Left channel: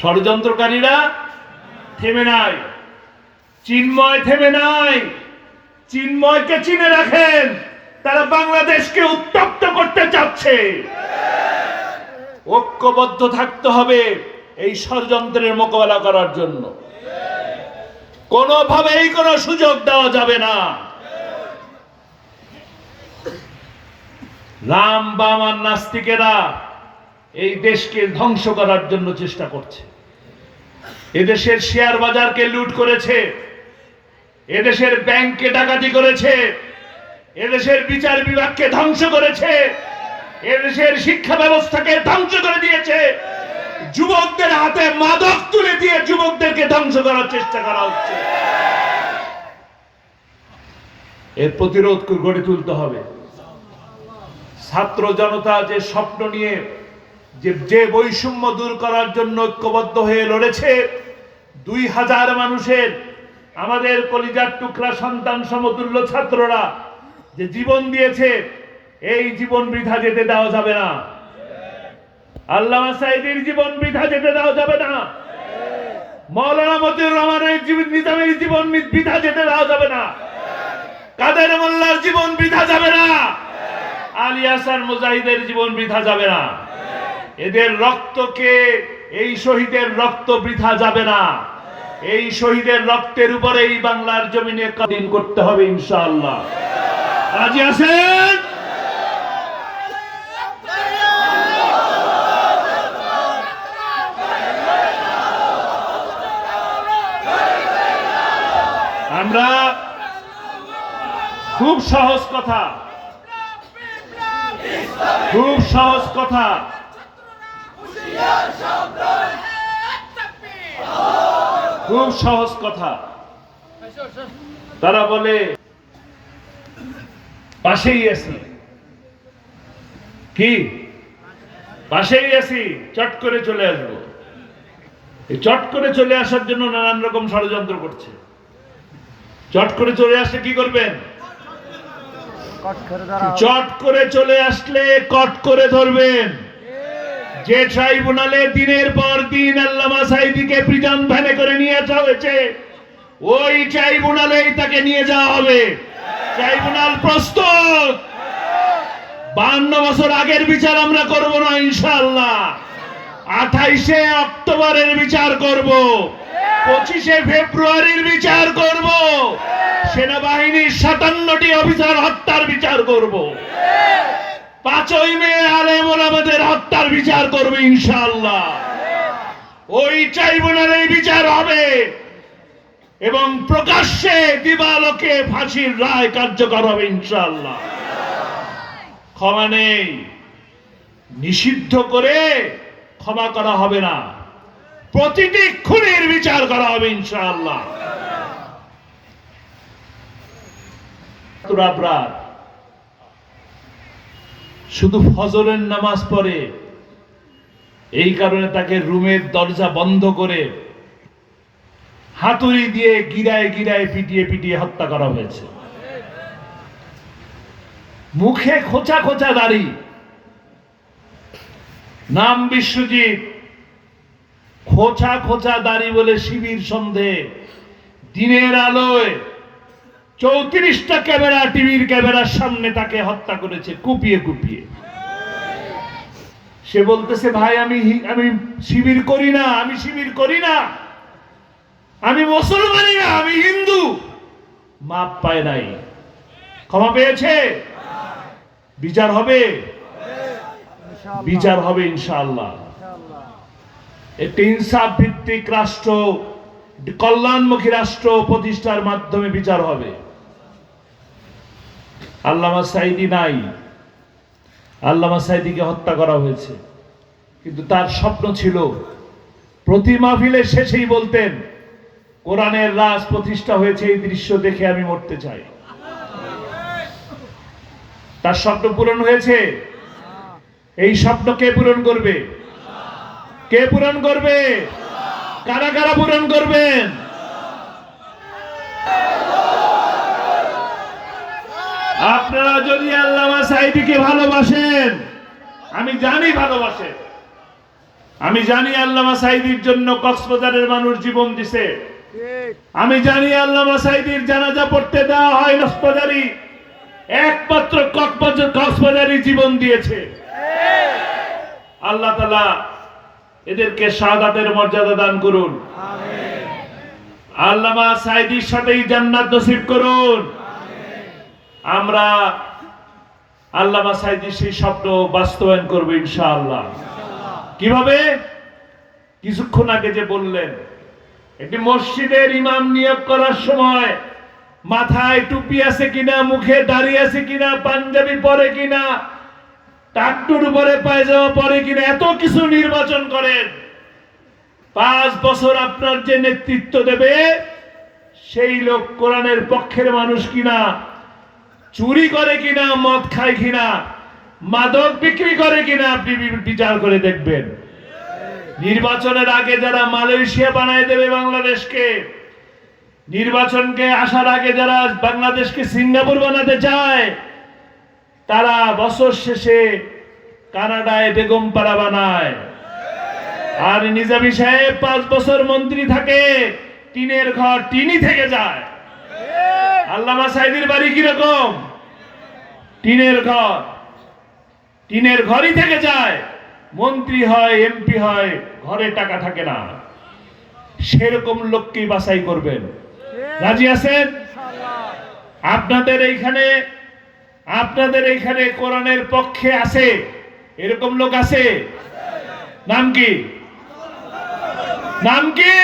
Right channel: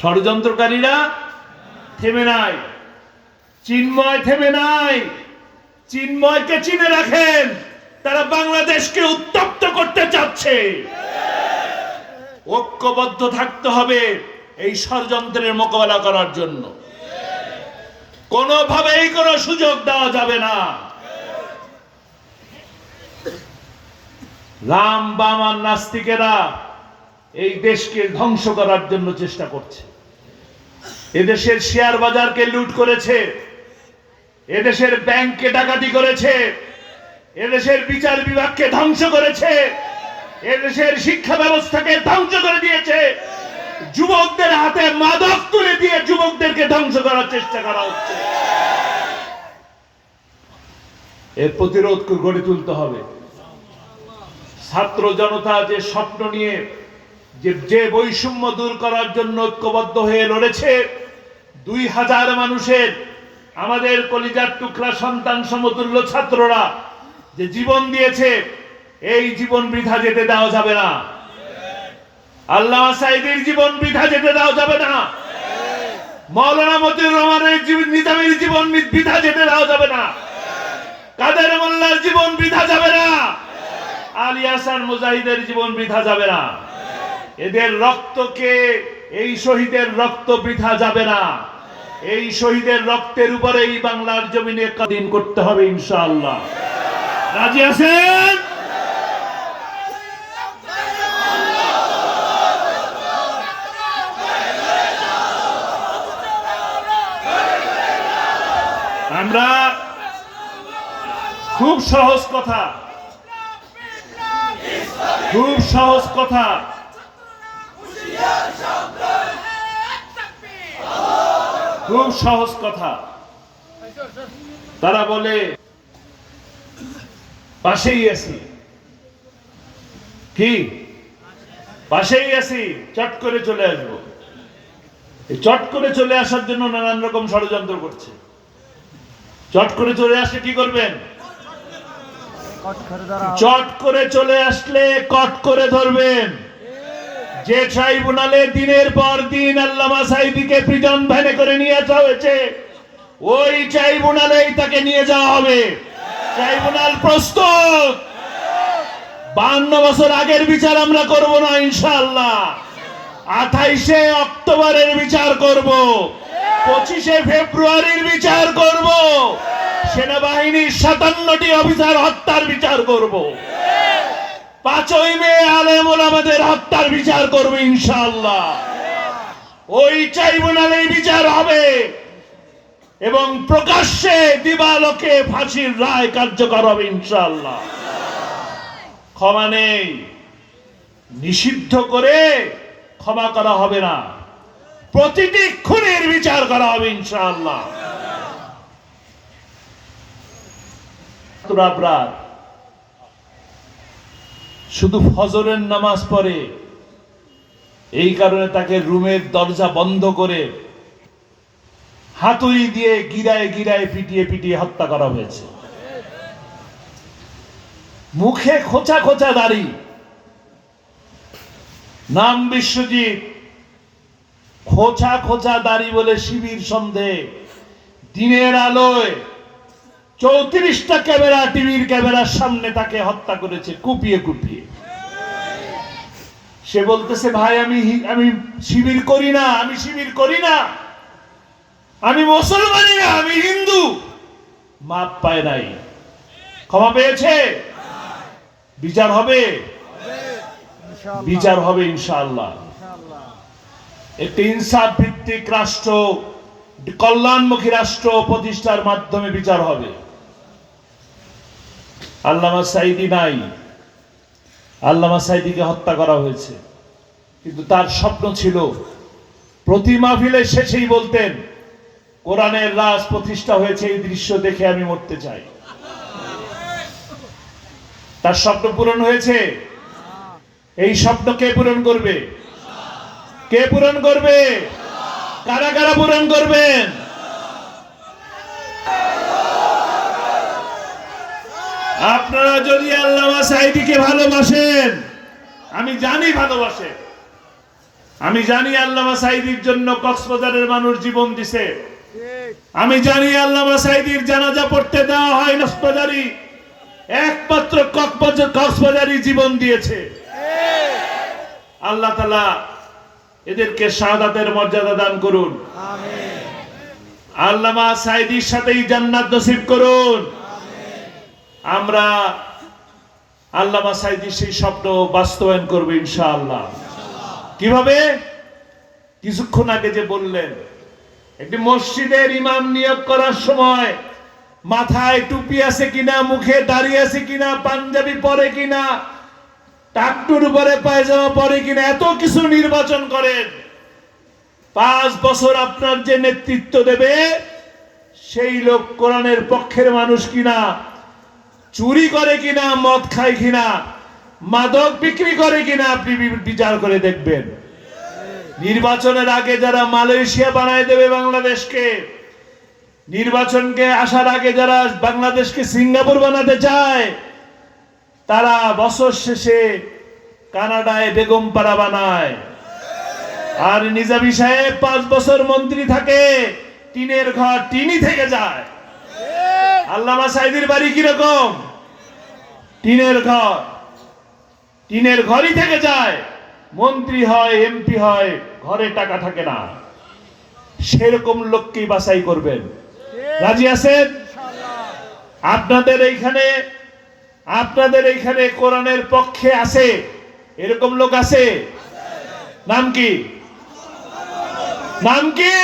ষড়যন্ত্রকারীরা থেমে নাই। চিন্ময় থেমে নাই। চিন্ময়কে চিনে রাখেন। তারা বাংলাদেশকে উত্তপ্ত করতে চাচ্ছে। ঐক্যবদ্ধ থাকতে হবে এই ষড়যন্ত্রের মোকাবেলা করার জন্য। কোনোভাবেই কোনো সুযোগ দেওয়া যাবে না। রাম বাম নাস্তিকেরা এই দেশকে ধ্বংস করার জন্য চেষ্টা করছে। এদেশের শেয়ার বাজারকে লুট করেছে। এদেশের ব্যাংককে ডাকাতি করেছে। এদেশের বিচার বিভাগকে ধ্বংস করেছে। এদেশের শিক্ষা ব্যবস্থাকে ধ্বংস করে দিয়েছে। যুবকদের হাতে মাদক তুলে দিয়ে যুবকদেরকে ধ্বংস করার চেষ্টা করা হচ্ছে। এর প্রতিরোধ গড়ে তুলতে হবে। ছাত্র জনতা যে স্বপ্ন নিয়ে যে যে বৈষম্য দূর করার জন্য ঐক্যবদ্ধ হয়ে লড়েছে, দুই হাজার মানুষের, আমাদের কলিজার টুকরা সন্তান সমতুল্য ছাত্ররা যে জীবন দিয়েছে, এই জীবন বৃথা যেতে দেওয়া যাবে না। আল্লাহ সাইদের জীবন বৃথা যেতে দেওয়া যাবে না। মৌলানা মতিউর রহমানের নিজামের জীবন বৃথা যেতে দেওয়া যাবে না। কাদের মোল্লার জীবন বৃথা যাবে না। আলী হাসান মুজাহিদের জীবন বৃথা যাবে না। এদের রক্তকে, এই শহীদের রক্ত বৃথা যাবে না। এই শহীদের রক্তের উপরে এই বাংলার জমিনে কাদিন করতে হবে ইনশাআল্লাহ। রাজি আছেন? আমরা খুব সহজ কথা, খুব সহজ কথা খুব সহজ কথা। তারা বলে পাশেই আছি। কি? পাশেই আছি চট করে চলে আসব। এই চট করে চলে আসার জন্য নানান রকম ষড়যন্ত্র করছে। চট করে চলে আসলে কি করবেন? চট করে চলে আসলে কট করে ধরবেন। যে ট্রাইব্যুনালে দিনের পর দিন আল্লামা সাইদিকে প্রিজন ভ্যানে করে নিয়ে যাওয়া হয়েছে, ওই ট্রাইব্যুনালেই তাকে নিয়ে যাওয়া হবে। ট্রাইব্যুনাল প্রস্তুত। বান্ন বছর আগের বিচার আমরা করব না, ইনশাআল্লাহ। আঠাইশে অক্টোবরের বিচার করব। পঁচিশে ফেব্রুয়ারির বিচার করব। সেনাবাহিনীর সাতান্নটি অফিসার হত্যার বিচার করব। পাঁচই মে আলেমুল আমাদের হত্যার বিচার করবে ইনশাআল্লাহ। ওই ট্রাইব্যুনালে বিচার হবে এবং প্রকাশ্যে দিবালোকে ফাঁসির রায় কার্যকর হবে ইনশাআল্লাহ। ক্ষমা নেই, নিষিদ্ধ করে ক্ষমা করা হবে না। প্রতিটি খুনের বিচার করা হবে ইনশাআল্লাহ। আবরার শুধু ফজরের নামাজ পড়ে, এই কারণে তাকে রুমের দরজা বন্ধ করে হাতুড়ি দিয়ে গিরায় গিরায় পিটিয়ে পিটিয়ে হত্যা করা হয়েছে। মুখে খোঁচা খোঁচা দাড়ি। নাম বিশ্বজিৎ, খোঁচা খোঁচা দাড়ি বলে শিবির সন্ধে, দিনের আলোয় চৌত্রিশটা ক্যামেরা, টিভির ক্যামেরার সামনে তাকে হত্যা করেছে, কুপিয়ে কুপিয়ে। সে বলতেছে, ভাই, আমি আমি শিবির করি না, আমি শিবির করি না। আমি মুসলমানই না, আমি হিন্দু। মাপ পায় নাই। ক্ষমা পেয়েছে? বিচার হবে? বিচার হবে ইনশাআল্লাহ। একটি ইনসাফ ভিত্তিক রাষ্ট্র, কল্যাণমুখী রাষ্ট্র প্রতিষ্ঠার মাধ্যমে বিচার হবে। আল্লামা সাইদি নাই। আল্লামা সাইদিকে হত্যা করা হয়েছে। কিন্তু তার স্বপ্ন ছিল, প্রতি মাহফিলের শেষেই বলতেন, কোরআনের রাজ প্রতিষ্ঠা হয়েছে, এই দৃশ্য দেখে আমি মরতে চাই। তার স্বপ্ন পূরণ হয়েছে। এই স্বপ্ন কে পূরণ করবে? কে পূরণ করবে? কারা কারা পূরণ করবেন? আপনারা যদি আল্লামা সাইদিকে ভালোবাসেন আমি জানি ভালোবাসেন আমি জানি আল্লামা সাইদির জন্য কক্সবাজারের মানুষ জীবন দিছে। আমি জানি আল্লামা সাইদির জানাজা পড়তে দেওয়া হয় কক্সবাজারি। একমাত্র কক্সবাজার জীবন দিয়েছে। আল্লাহ তালা এদেরকে শাহাদাতের মর্যাদা দান করুন। আল্লামা সাইদির সাথেই জান্নাত নসিব করুন। আমরা আল্লাহ সাইদির সেই স্বপ্ন বাস্তবায়ন করব ইনশাআল্লাহ। কীভাবে? কিছুক্ষণ আগে যে বললেন, একটি মসজিদের ইমাম নিয়োগ করার সময় মাথায় টুপি আছে কিনা, মুখে দাড়ি আছে কিনা, পাঞ্জাবি পরে কিনা টাকটুর উপরে পায়জামা পরে কিনা, এত কিছু নির্বাচন করেন। পাঁচ বছর আপনার যে নেতৃত্ব দেবে, সেই লোক কোরআনের পক্ষের মানুষ কিনা? চুরি করে কিনা, মদ খায় কিনা, মাদক বিক্রি করে কিনা, আপনি বিচার করে দেখবেন। নির্বাচনের আগে যারা মালয়েশিয়া বানায় দেবে বাংলাদেশকে, নির্বাচনকে আসার আগে যারা বাংলাদেশকে সিঙ্গাপুর বানাতে চায়, তারা বছর শেষে কানাডায় বেগম পাড়া বানায়। আর নিজামি সাহেব পাঁচ বছর মন্ত্রী থাকে, টিনের ঘর টিনি থেকে যায়। আল্লামা সাহেবের বাড়ি কীরকম? টিনের ঘর। টিনের ঘরই থেকে যায়। মন্ত্রী হয় এমপি হয়, ঘরে টাকা থাকে না। সেরকম লোককেই বাছাই করবেন। রাজি আছেন? আপনাদের এইখানে আপনাদের এইখানে কোরআনের পক্ষে আছে? এরকম লোক আছে? নাম কি? নাম কি?